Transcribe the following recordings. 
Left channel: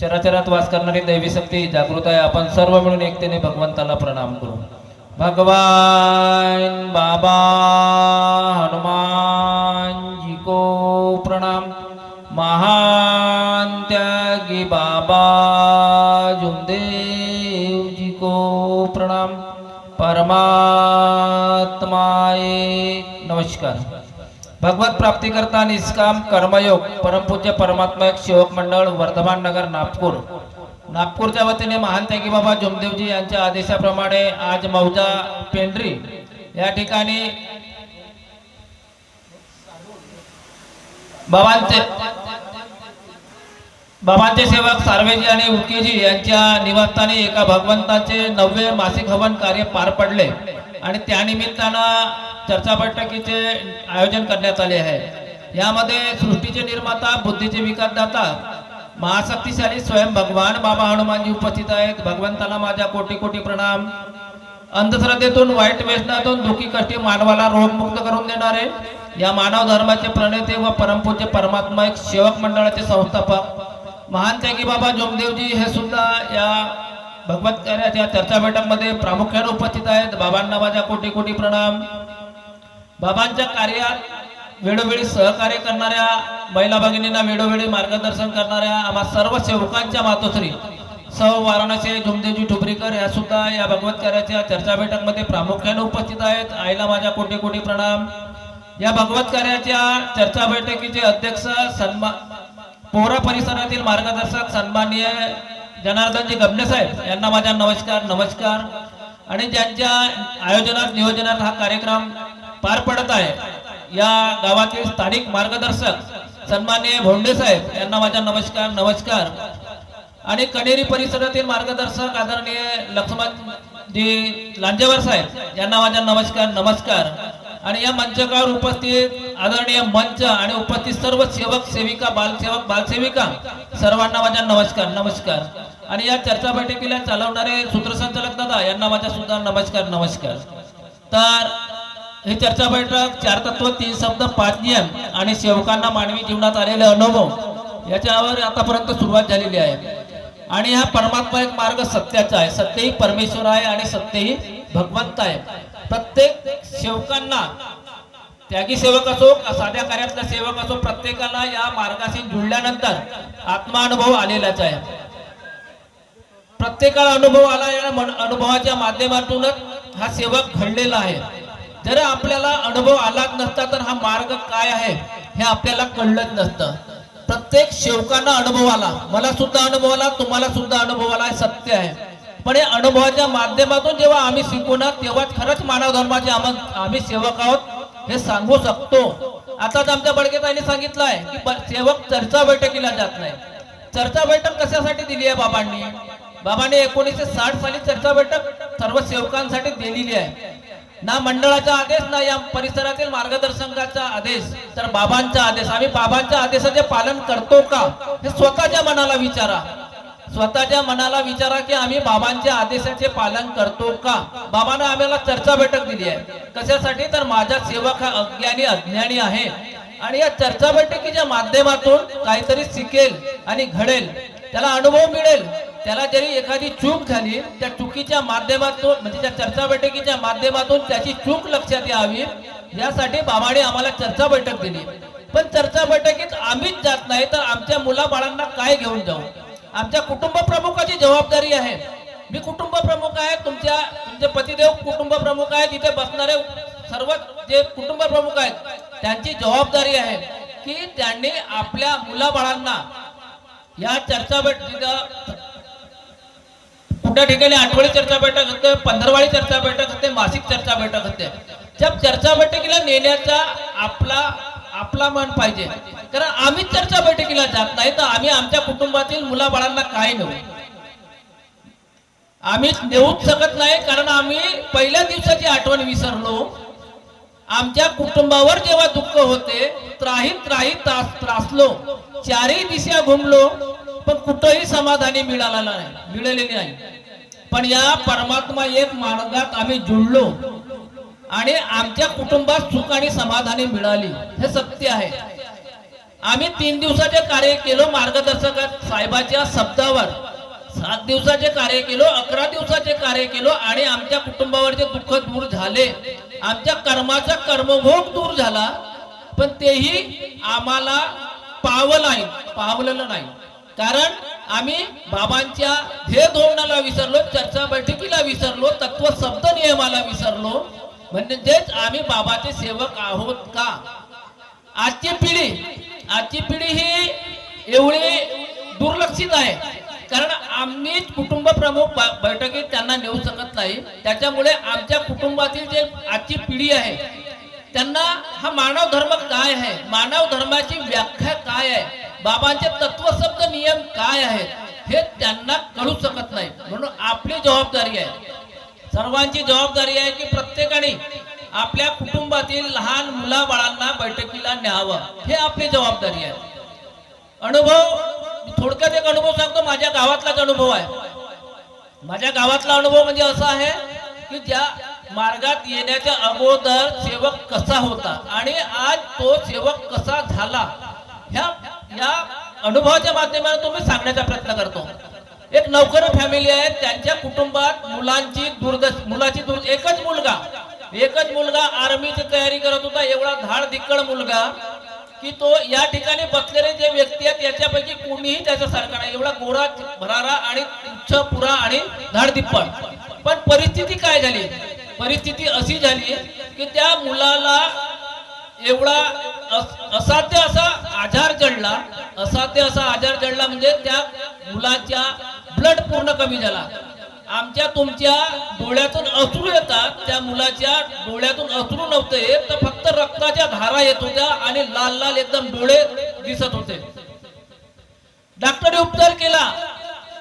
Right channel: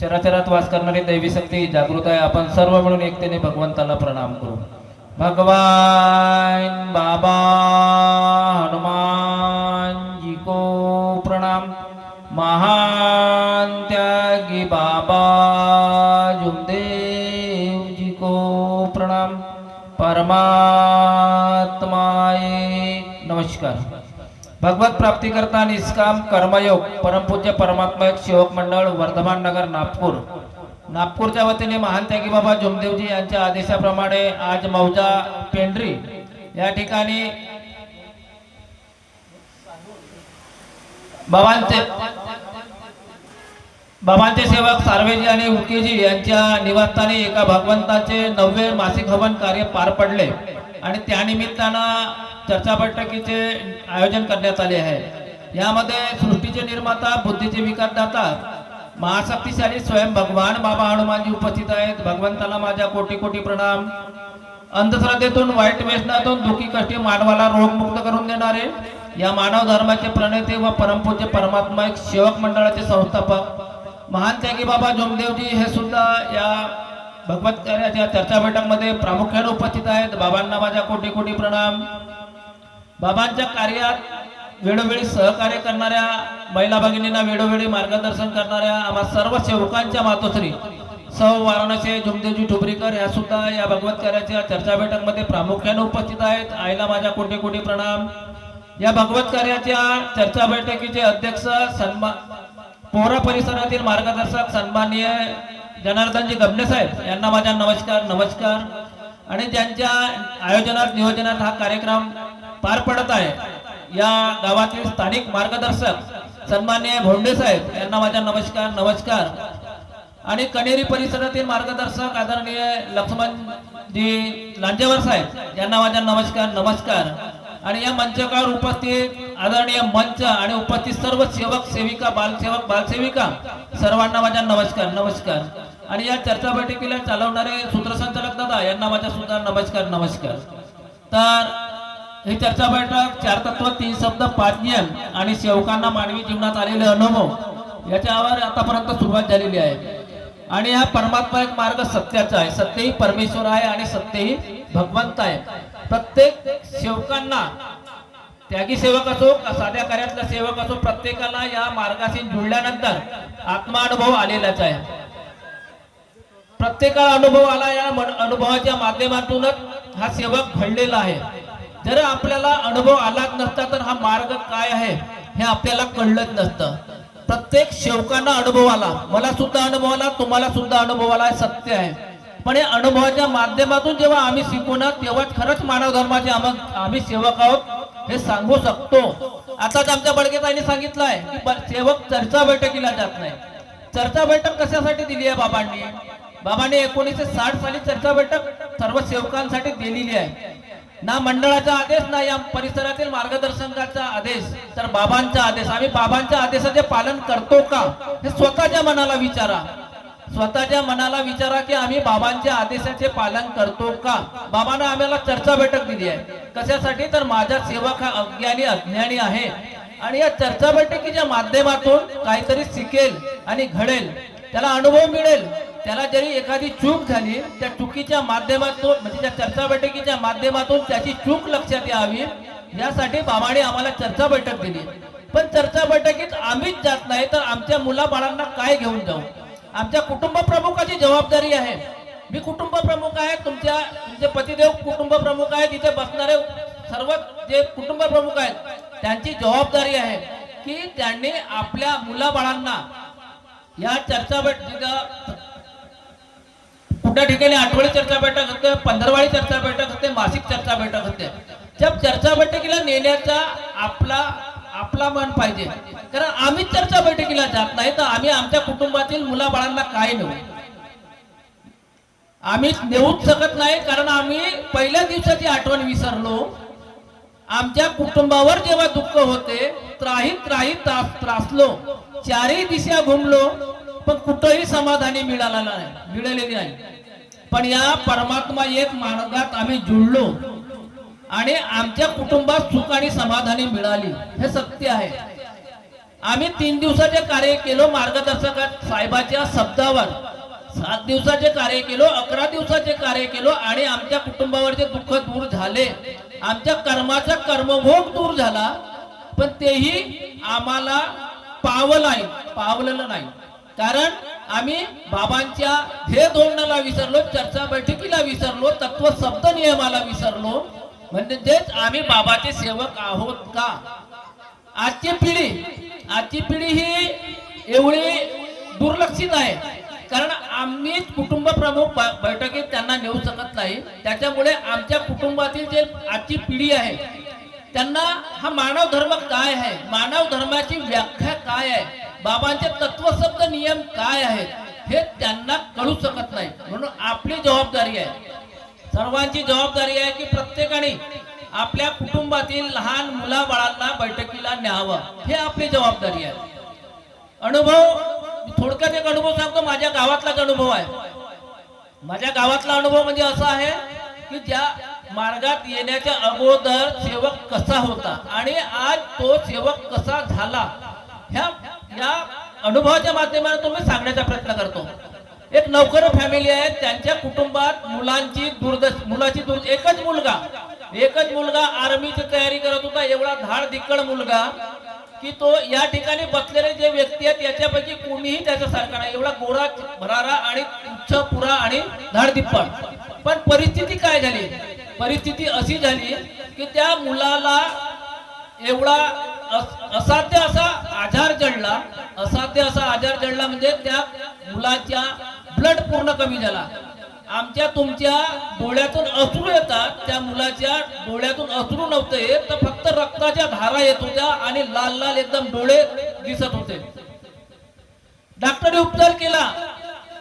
चराचरात वास करणारी दैवी शक्ती जागृत आहे। आपण सर्व मिळून एकतेने भगवंताला प्रणाम करू। भगवान बाबा हनुमान जी को प्रणाम। महान त्यागी बाबा जुमदेव जी को प्रणाम। परमात्माए नमस्कार। भगवत प्राप्ति करता निष्काम कर्मयोग परमपूज्य परमात्मा एक सेवक मंडळ वर्धमान नगर नागपूरच्या वतीने महान त्यागी बाबा जुमदेवजी यांच्या आदेशाप्रमाणे आज मौजा पेंढरी या ठिकाणी बाबांचे सेवक सार्वेजी आणि उकेजी यांच्या निवासस्थानी एका भगवंताचे 9वे मासिक हवन कार्य पार पडले आणि त्यानिमित्तानं चर्चा बैठकीचे आयोजन करण्यात आले आहे। यामध्ये सृष्टीचे निर्माता बुद्धीचे विकासदाता महाशक्तिशाली स्वयं भगवान बाबा हनुमानजी उपस्थित आहेत। भगवंताला माझा कोटी कोटी प्रणाम। अंधश्रद्धेतून वाईट व्यसनातून दुःखी कष्टी मानवाला रोगमुक्त करून देणारे या मानव धर्माचे प्रणेते व परमपूज्य परमात्मा एक सेवक मंडळाचे संस्थापक महान त्यागी बाबा जुमदेवजी हे सुद्धा या भगवत कार्याच्या चर्चा बैठकमध्ये प्रामुख्याने उपस्थित आहेत। बाबांना माझा कोटी कोटी प्रणाम। बाबांच्या कार्यात वेळोवेळी सहकार्य करणाऱ्या महिला भगिनींना वेळोवेळी मार्गदर्शन करणाऱ्या आम्हा सर्व सेवकांच्या मातोश्री सौ वाराणसी जुमदेवजी ठुबरीकर या सुद्धा या भगवत कार्याच्या चर्चा बैठकमध्ये प्रामुख्याने उपस्थित आहेत। आईला माझा कोटी कोटी प्रणाम। या भगवत कार्याच्या चर्चा बैठकीचे अध्यक्ष पोहरा परिसरातील मार्गदर्शक सन्माननीय जनार्दनजी गबने साहेब यांना माझा नमस्कार। आणि ज्यांच्या आयोजनात नियोजनात हा कार्यक्रम पार पडत आहे या गावातील स्थानिक मार्गदर्शक सन्माननीय भोंडे साहेब यांना माझा नमस्कार। आणि कणेरी परिसरातील मार्गदर्शक आदरणीय लक्ष्मणजी लांजेवर साहेब यांना माझा नमस्कार। आणि या मंचावर उपस्थित आदरणीय मंच आणि उपस्थित सर्व सेवक सेविका बालसेवक बालसेविका सर्वांना माझा नमस्कार। आणि या चर्चा बैठकीला चालवणारे सूत्रसंचालक दादा यांना माझा सुद्धा नमस्कार। तर ही चर्चा बैठक 4 तत्व 3 शब्द 5 नियम आणि सेवकांना मानवी जीवनात आलेले अनुभव याच्यावर आतापर्यंत सुरुवात झालेली आहे। आणि हा परमात्मा एक मार्ग सत्याचा आहे। सत्यही परमेश्वर आहे आणि सत्यही भगवंत आहे। प्रत्येक सेवकांना त्यागी सेवक असो साध्या कार्यातला सेवक असो प्रत्येकाला या मार्गाशी जुळल्यानंतर आत्मानुभव आलेलाच आहे। प्रत्येकाला अनुभव आला या अनुभवाच्या माध्यमातूनच हा सेवक घडलेला आहे। जर आपल्याला अनुभव आलाच नसता तर हा मार्ग काय आहे हे आपल्याला कळलंच नसतं। प्रत्येक सेवकांना अनुभव आला, मला सुद्धा अनुभव आला, तुम्हाला सुद्धा अनुभव आला, हे सत्य आहे। पण या अनुभवाच्या माध्यमातून जेव्हा आम्ही शिकू ना तेव्हाच खरंच मानव धर्माचे आम्ही सेवक आहोत हे सांगू शकतो। आताच आमच्या बडगेताईंनी सांगितलं आहे की सेवक चर्चा बैठकीला जात नाही। चर्चा बैठक कशासाठी दिली आहे बाबांनी 1960 साली चर्चा बैठक सर्व सेवकांसाठी दिलेली आहे। ना मंडळाचा आदेश ना या परिसरातील मार्गदर्शकाचा आदेश तर बाबांचा आदेश। आम्ही बाबांच्या आदेशाचे पालन करतो का हे स्वतःच्या मनाला विचारा की आम्ही बाबांच्या आदेशाचे पालन करतो का। बाबांना आम्हाला चर्चा बैठक दिली आहे कशासाठी तर माझा सेवक हा अज्ञानी आहे आणि या चर्चा बैठकीच्या माध्यमातून काहीतरी शिकेल आणि घडेल, त्याला अनुभव मिळेल। त्याला जरी एखादी चूक झाली त्या चुकीच्या माध्यमातून म्हणजे त्या चर्चा बैठकीच्या माध्यमातून त्याची चूक लक्षात यावी यासाठी बाबांनी आम्हाला चर्चा बैठक दिली। पण चर्चा बैठकीत आम्हीच जात नाही तर आमच्या मुलाबाळांना काय घेऊन जाऊ। आमच्या कुटुंब प्रमुखाची जबाबदारी आहे। मी कुटुंब प्रमुख आहे, तुमचे पतिदेव कुटुंब प्रमुख आहेत, इथे बसणारे सर्व जे कुटुंब प्रमुख आहेत त्यांची जबाबदारी आहे की त्यांनी आपल्या मुलाबाळांना या चर्चा बैठकीला कुठल्या ठिकाणी आठवडी चर्चा बैठक होते, 15वारी चर्चा बैठक होते, मासिक चर्चा बैठक होते। जब चर्चा बैठकीला नेण्याचा आपला मन पाहिजे। कारण आम्ही चर्चा बैठकीला जात नाही तर आम्ही आमच्या कुटुंबातील मुलाबाळांना काय नेऊ। आम्ही नेऊच शकत नाही कारण आम्ही पहिल्या दिवसाची आठवण विसरलो। आमच्या कुटुंबावर जेव्हा दुःख होते त्रासलो, चारही दिशा घुमलो पण कुठेही समाधानी मिळालेली नाही। पण या परमात्मा एक मार्गात आम्ही जुळलो आणि आमच्या कुटुंबात सुख आणि समाधानी मिळाली, हे सत्य आहे। आम्ही 3 दिवसाचे कार्य केलो मार्गदर्शक साहेबाच्या शब्दावर, 7 दिवसाचे कार्य केलो, 11 दिवसाचे कार्य केलो आणि आमच्या कुटुंबावरचे दुःख दूर झाले, आमच्या कर्माचा कर्मभोग दूर झाला. पण तेही आम्हाला पावलेलं नाही. कारण आम्ही बाबांच्या ध्येय धोरणाला विसरलो, चर्चा बैठकीला विसरलो, तत्व शब्द नियमाला विसरलो. म्हणजेच आम्ही बाबाचे सेवक आहोत का? आजची पिढी ही एवढी दुर्लक्षित आहे. कारण आम्ही कुटुंब प्रमुख बैठकीत त्यांना नेऊ शकत नाही. त्याच्यामुळे आमच्या कुटुंबातील जे आजची पिढी आहे त्यांना हा मानव धर्म काय आहे, मानव धर्माची व्याख्या काय आहे, बाबांचे तत्वशब्द नियम काय आहेत हे त्यांना कळू शकत नाही. म्हणून आपली जबाबदारी आहे, सर्वांची जबाबदारी आहे की प्रत्येकाने आपल्या कुटुंबातील लहान मुलाबाळांना बैठकीला न्यावं. हे आपली जबाबदारी आहे. अनुभव थोडक्यात एक अनुभव सांगतो. माझ्या गावातलाच अनुभव आहे. माझ्या गावातला अनुभव म्हणजे असा आहे की ज्या मार्गात येण्याच्या अगोदर सेवक कसा होता आणि आज तो सेवक कसा झाला, या अनुभवाच्या माध्यमातून मी सांगण्याचा प्रयत्न करतो. एक नौकर फॅमिली आहे, त्यांच्या कुटुंबात एकच मुलगा आर्मीची तयारी करत होता. एवढा धाडधिक्कड मुलगा की तो या ठिकाणी बसलेले जे व्यक्ती आहेत याच्यापैकी कोणीही त्याच्यासारखा नाही. एवढा गोरा भरारा आणि उच्च पुरा आणि धाडधिप्पड. पण परिस्थिती काय झाली? परिस्थिती अशी झाली की त्या मुलाला एवढा असाध्य असा आजार जडला म्हणजे त्या मुलाच्या ब्लड पूर्ण कमी झाला. आमच्या तुमच्या डोळ्यातून अश्रू येतात, त्या मुलाच्या डोळ्यातून अश्रू नव्हते येत, तर फक्त रक्ताच्या धारा येत होत्या आणि लाल लाल एकदम डोळे दिसत होते. डॉक्टरने उपचार केला,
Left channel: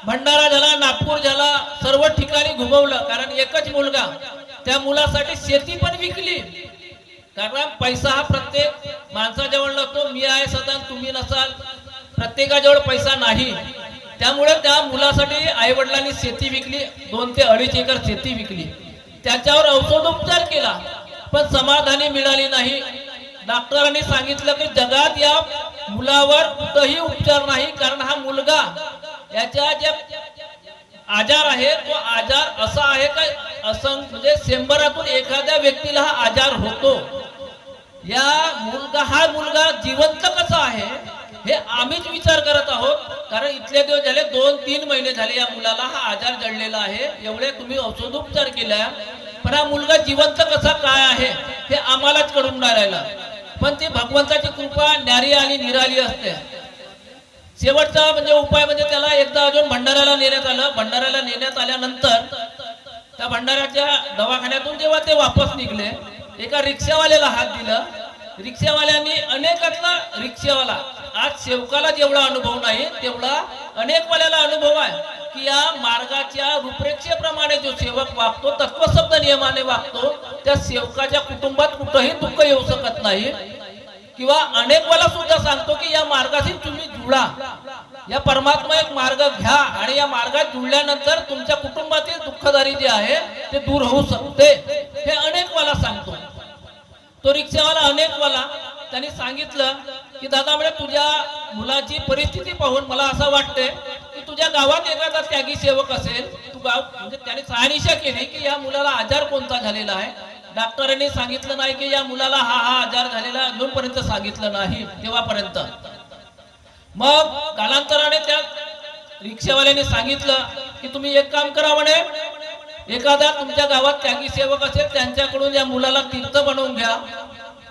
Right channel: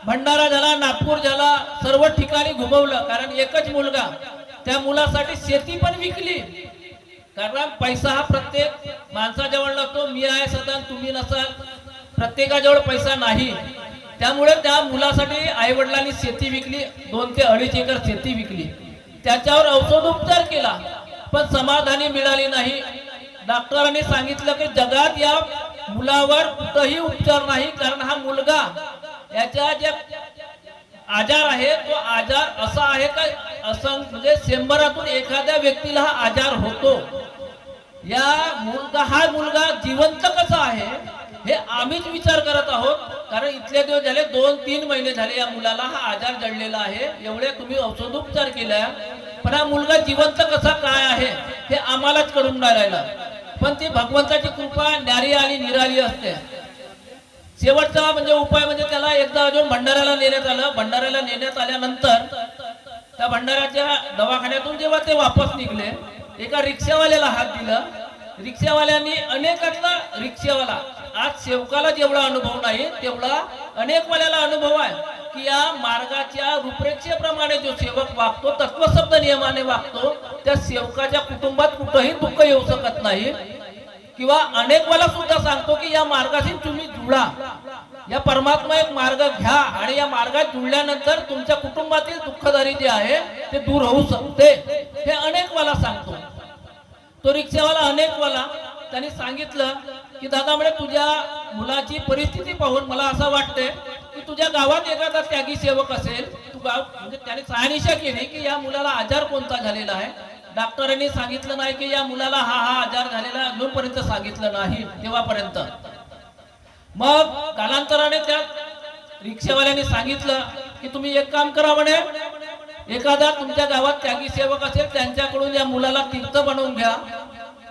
भंडारा झाला, नागपूर झाला, सर्व ठिकाणी घुमवलं. कारण एकच मुलगा, त्या मुलासाठी शेती पण विकली. कारण पैसा हा प्रत्येक माणसाजवळ नसतो. मी आहे सदा, तुम्ही नसाल, प्रत्येकाजवळ पैसा नाही. त्यामुळे त्या मुलासाठी आई वडिलांनी शेती विकली, 2 ते 2.5 एकर शेती विकली. त्याच्यावर औषधोपचार केला पण समाधानी मिळाली नाही. डॉक्टरांनी सांगितलं की जगात या मुलावर कुठेही उपचार नाही. कारण हा मुलगा याच्या जे आजार आहे तो आजार असा आहे का म्हणजे 100 एखाद्या व्यक्तीला हा आजार होतो. हा मुलगा जिवंत कसा आहे हे आम्हीच विचार करत आहोत. कारण इथले दिवस झाले, 2-3 महिने झाले या मुलाला हा आजार जडलेला आहे. एवढे तुम्ही औषधोपचार केल्या, पण हा मुलगा जिवंत कसा काय आहे हे आम्हालाच कळून नाही राहिला. पण ती भगवंताची कृपा न्यारी आली निराली असते. शेवटचा म्हणजे उपाय म्हणजे त्याला एकदा अजून भंडाऱ्याला नेण्यात आलं. भंडाऱ्याला नेण्यात आल्यानंतर त्या भंडाऱ्याच्या दवाखान्यातून जेव्हा ते वापस निघले, एका रिक्षावाल्याला हात दिला. रिक्षावाल्यांनी अनेकांना रिक्षावाला आज सेवकाला जेवढा अनुभव नाही तेवढा अनेक वाल्याला अनुभव आहे की या मार्गाच्या रूपरेषेप्रमाणे जो सेवक वागतो, तत्वशब्द नियमाने वागतो, त्या सेवकाच्या कुटुंबात कुठेही दुःख येऊ शकत नाही. किंवा अनेक वाला सुद्धा सांगतो की या मार्गाशी तुम्ही जुळा, या परमात्मा एक मार्ग घ्या आणि या मार्गात जुळल्यानंतर तुमच्या कुटुंबातील दुःखदारी जे आहे ते दूर होऊ शकते. हे अनेक वाला सांगतो. तो रिक्षावाला अनेक वाला त्यांनी सांगितलं की दादा म्हणे तुझ्या मुलाची परिस्थिती पाहून मला असं वाटते की तुझ्या गावात एखादा त्यागी सेवक असेल. तू गाव म्हणजे त्याने शहानिशा केली की या मुलाला आजार कोणता झालेला आहे. डॉक्टरांनी सांगितलं नाही की या मुलाला हा आजार झालेला, अजूनपर्यंत सांगितलं नाही तेव्हापर्यंत. मग कालांतराने त्या रिक्षावाल्याने सांगितलं की तुम्ही एक काम करा म्हणे, एखादा तुमच्या गावात त्यागी सेवक असेल त्यांच्याकडून या मुलाला तीर्थ बनवून घ्या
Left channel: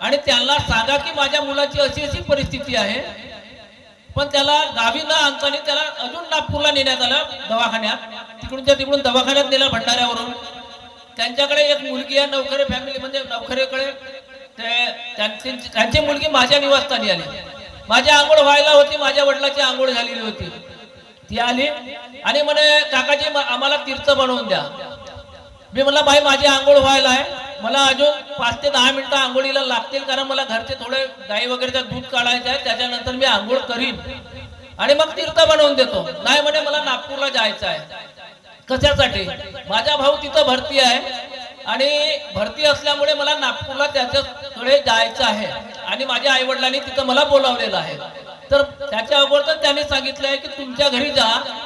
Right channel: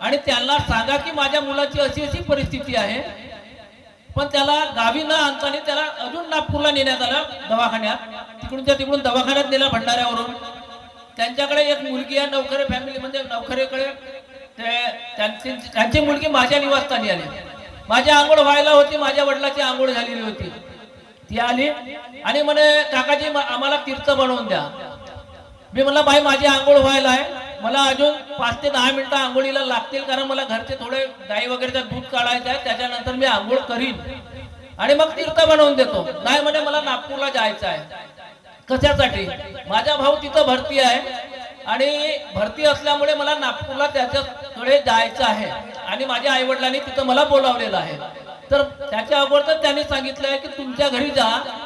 आणि त्यांना सांगा की माझ्या मुलाची अशी अशी परिस्थिती आहे. पण त्याला गावी न आणताना त्याला अजून नागपूरला नेण्यात आलं दवाखान्यात. तिकडून दवाखान्यात नेला भंडाऱ्यावरून. त्यांच्याकडे एक मुलगी आहे, नवखरे फॅमिली म्हणजे नवखरेकडे त्यांची मुलगी माझ्या निवासस्थानी आली. माझी आंघोळ व्हायला होती, माझ्या वडिलांची आंघोळ झालेली होती. ती आली आणि म्हणे काकाजी आम्हाला तीर्थ बनवून द्या. मी म्हणलं बाई माझी आंघोळ व्हायला आहे, मला अजून 5 ते 10 मिनिटं आंघोळीला लागतील कारण मला घरचे थोडे गाई वगैरेचं दूध काढायचं आहे, त्याच्यानंतर मी आंघोळ करीन आणि मग तीर्थ बनवून देतो. नाही म्हणे मला नागपूरला जायचं आहे. कशासाठी? माझा भाऊ तिथं भरती आहे आणि भरती असल्यामुळे मला नागपूरला त्याच्याकडे जायचं आहे आणि माझ्या आई वडिलांनी तिथं मला बोलावलेलं आहे. तर त्याच्या अगोदर त्यांनी सांगितलंय की तुमच्या घरी जा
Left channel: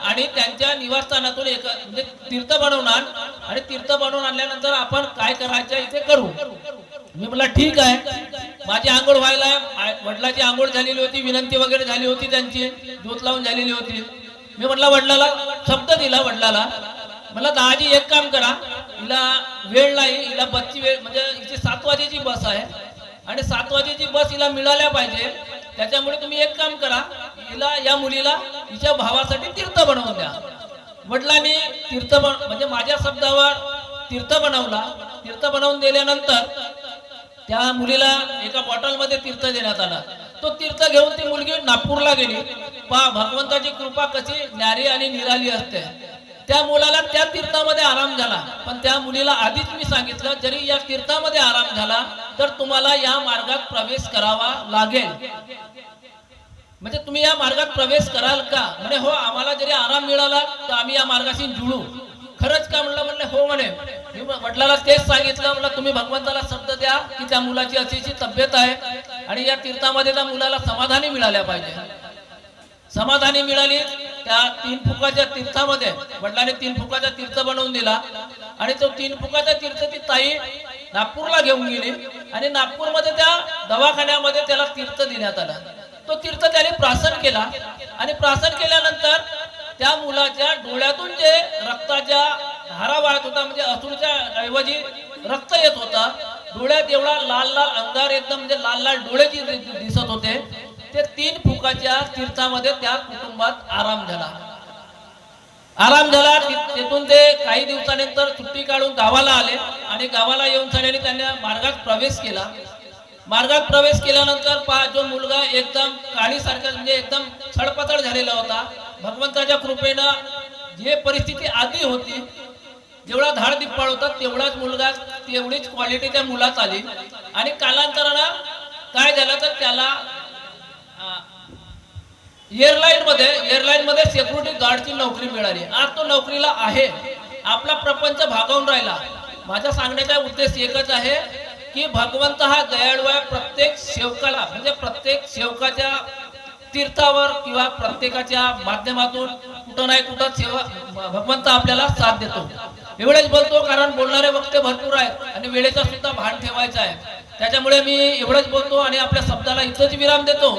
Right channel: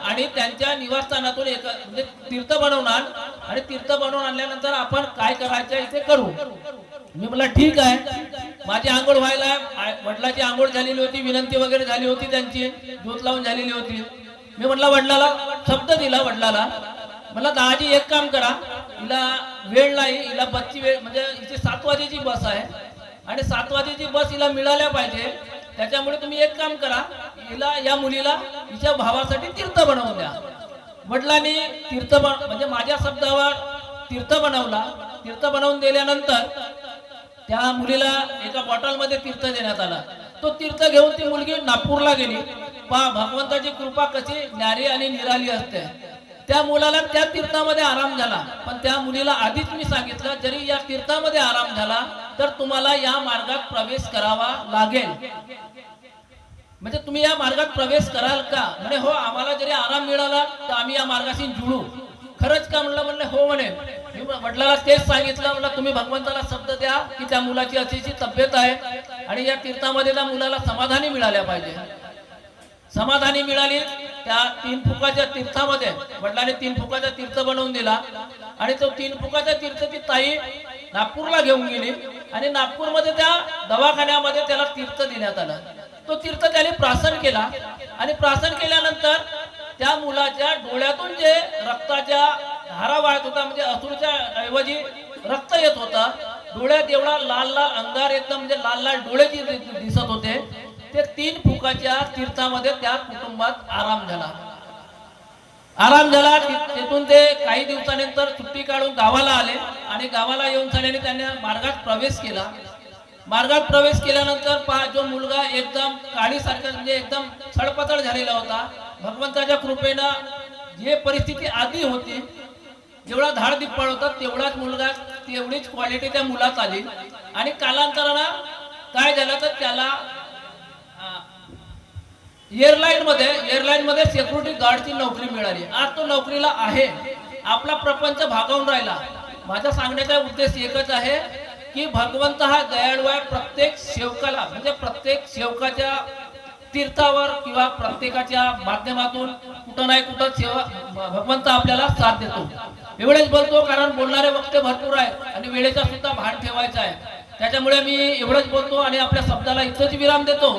आणि त्यांच्या निवासस्थानातून एक म्हणजे तीर्थ बनवणार आणि तीर्थ बनवून आणल्यानंतर आपण काय करायचं इथे करू. मी म्हटलं ठीक आहे. माझी आंघोळ व्हायला वडिलाची आंघोळ झालेली होती, विनंती वगैरे झाली होती, त्यांची दूध लावून झालेली होती. मी म्हटलं वडिलाला शब्द दिला वडिलाला, मला दाजी एक काम करा, हिला वेळ नाही, हिला बसची वेळ म्हणजे हिची 7 वाजेची बस आहे आणि 7 वाजेची बस हिला मिळाल्या पाहिजे. त्याच्यामुळे तुम्ही एक काम करा, हिला या मुलीला हिच्या भावासाठी तीर्थ बनवून द्या. वडिलांनी तीर्थ म्हणजे माझ्या शब्दावर तीर्थ बनवला. तीर्थ बनवून दिल्यानंतर त्या मुलीला एका बॉटलमध्ये तीर्थ देण्यात आला. तो तीर्थ घेऊन ती मुलगी नागपूरला गेली. पहा भगवंताची कृपा कशी न्यारी आणि निराली असते. त्या मुलाला त्या तीर्थामध्ये आराम झाला, पण त्या मुलीला आधीच मी सांगितलं जरी या तीर्थामध्ये आराम झाला तर तुम्हाला या मार्गात प्रवेश करावा लागेल. म्हणजे तुम्ही या मार्गात प्रवेश कराल का? म्हणे हो, आम्हाला जरी आराम मिळाला तर आम्ही या मार्गाशी जुळू. खरंच का? म्हणलं हो म्हणे. मी वडिलांना तेच सांगितलं, म्हणलं तुम्ही भगवंताला शब्द द्या की त्या मुलाची अशीची तब्येत आहे आणि या तीर्थामध्ये त्या मुलाला समाधानी मिळाल्या पाहिजे. समाधानी मिळाली. त्या 3 फुकाच्या तीर्थामध्ये वडिलांनी 3 फुकाचा तीर्थ बनवून दिला आणि तो 3 फुकाचा तीर्थ ती ताई नागपूरला घेऊन गेली आणि नागपूरमध्ये त्या दवाखान्यामध्ये त्याला तीर्थ देण्यात आलं. तो तीर्थ त्याने प्राशन केला आणि प्राशन केल्यानंतर त्या मुलाच्या डोळ्यातून जे रक्ताच्या धारा वाहत होता, म्हणजे अश्रूच्या ऐवजी रक्त येत होता. डोळ्यात एवढा लाल लाल अंगार एकदम म्हणजे लाल लाल डोळे दिसत होते. ते 3 फुकाच्या तीर्थामध्ये त्या कुटुंबात आराम झाला. तिथून ते काही दिवसानंतर सुट्टी काढून गावाला आले आणि गावाला येऊन सगळ्यांनी त्यांनी मार्गात प्रवेश केला. मार्गात प्रवेश केल्यानंतर पहा, जो मुलगा एकदम काळीसारखा म्हणजे एकदम सडपतळ झालेला होता, भगवंताच्या कृपेनं जे परिस्थिती आधी होती, जेवढा धाड दिप्पाळ होता तेवढाच मुलगा, तेवढीच क्वालिटी त्या मुलात आली. आणि कालांतरानं काय झालं तर त्याला एअरलाईन मध्ये सिक्युरिटी गार्डची नोकरी मिळाली. आज तो नोकरीला आहे. आपला प्रपंच भागवून राहिला. माझा सांगण्याचा उद्देश एकच आहे की भगवंत हा दयाळू आहे. प्रत्येक सेवकाला म्हणजे प्रत्येक सेवकाच्या तीर्थावर किंवा प्रत्येकाच्या माध्यमातून कुठं नाही कुठं सेवा भगवंत आपल्याला साथ देतो. एवढेच बोलतो कारण बोलणारे वक्ते भरपूर आहेत आणि वेळेचा सुद्धा भान ठेवायचा आहे. त्याच्यामुळे मी एवढंच बोलतो आणि आपल्या शब्दाला इथंच विराम देतो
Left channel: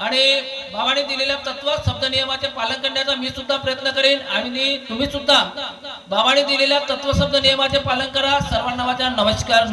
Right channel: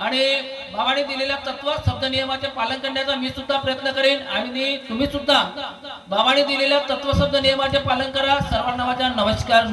आणि भावाने दिलेल्या तत्व शब्द नियमाचे पालन करण्याचा मी सुद्धा प्रयत्न करेन आणि तुम्ही सुद्धा भावाने दिलेल्या तत्व शब्द नियमाचे पालन करा. सर्वांना माझा नमस्कार.